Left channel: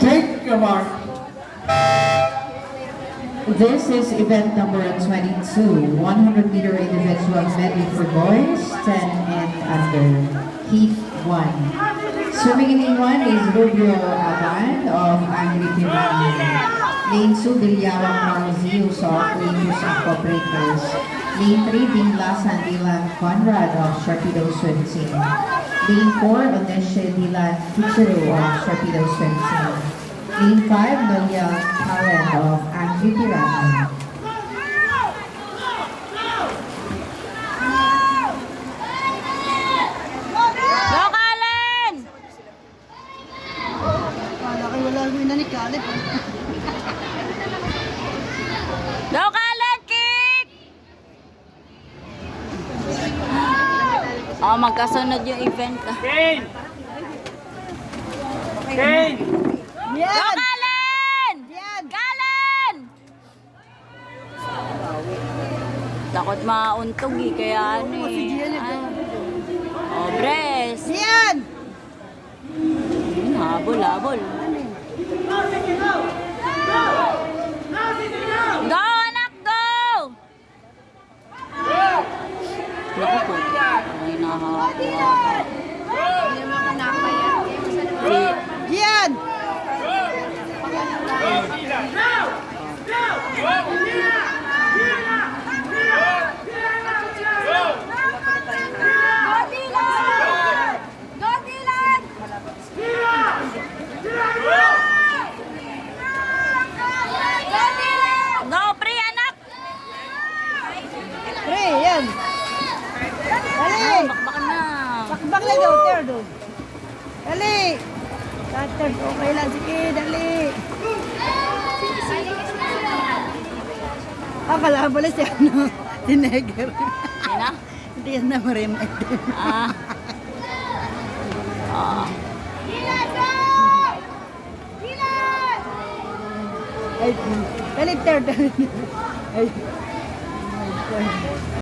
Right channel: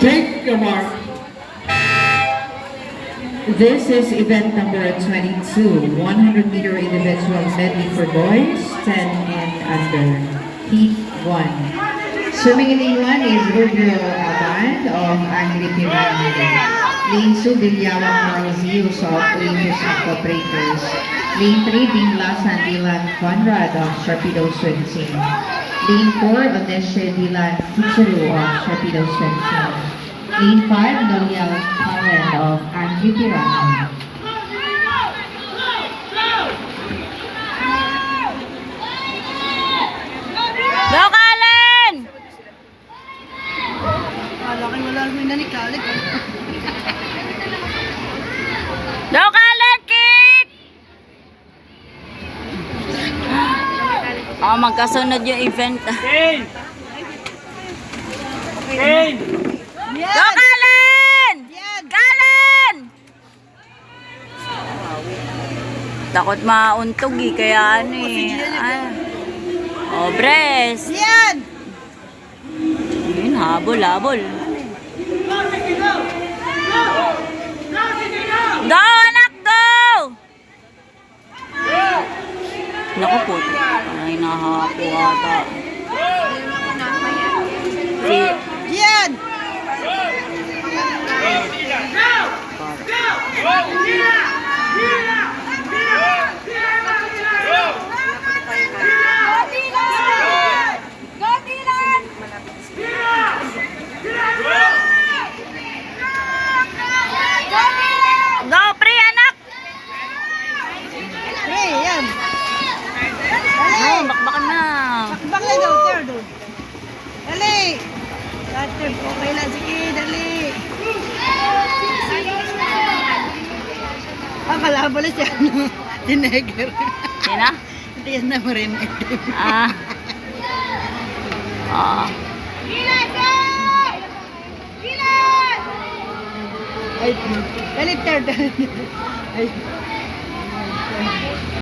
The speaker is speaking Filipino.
Take your mark. This is event number 22, 100-meter individual medley for boys, 10 and under, Heat 1. Swimming in lane 1 is Rubio Aban of Angry Piranha. Lane 2, Bilyawang Marzius of Olympus Aquaprators. Lane 3, Dingla Sandilan Conrad of Sharpedo Swim Team. Lane 4, Oneshe Dilan Kuchuru of Sharpedo Swim Team. Lane 5, Nolia Karen of Angry Piranha. Go, Kalen! Wala kayo wala mo na ni Khaled. Go, Kalen! Kick! Oh, magkasunod yung event. Kane! Kane! Go, Kalen! Yan! Kalen! Takot mauntog eh, kaya ano eh. Oh, Bres. Yan! Yun, habol, habol. Go, anak, go! Naku po, parang hinahapo ata. Yan! Go, pre, anak! Hey, yan! Oh, Dali! bakbakan na. Bang na daw, third daw. Dali! Third, okay lang, sige, dali! Pala siya, ano, tineger. Sina? Hindi yan na mo rin. Ah. Ah. Ay, dali, third. Ay.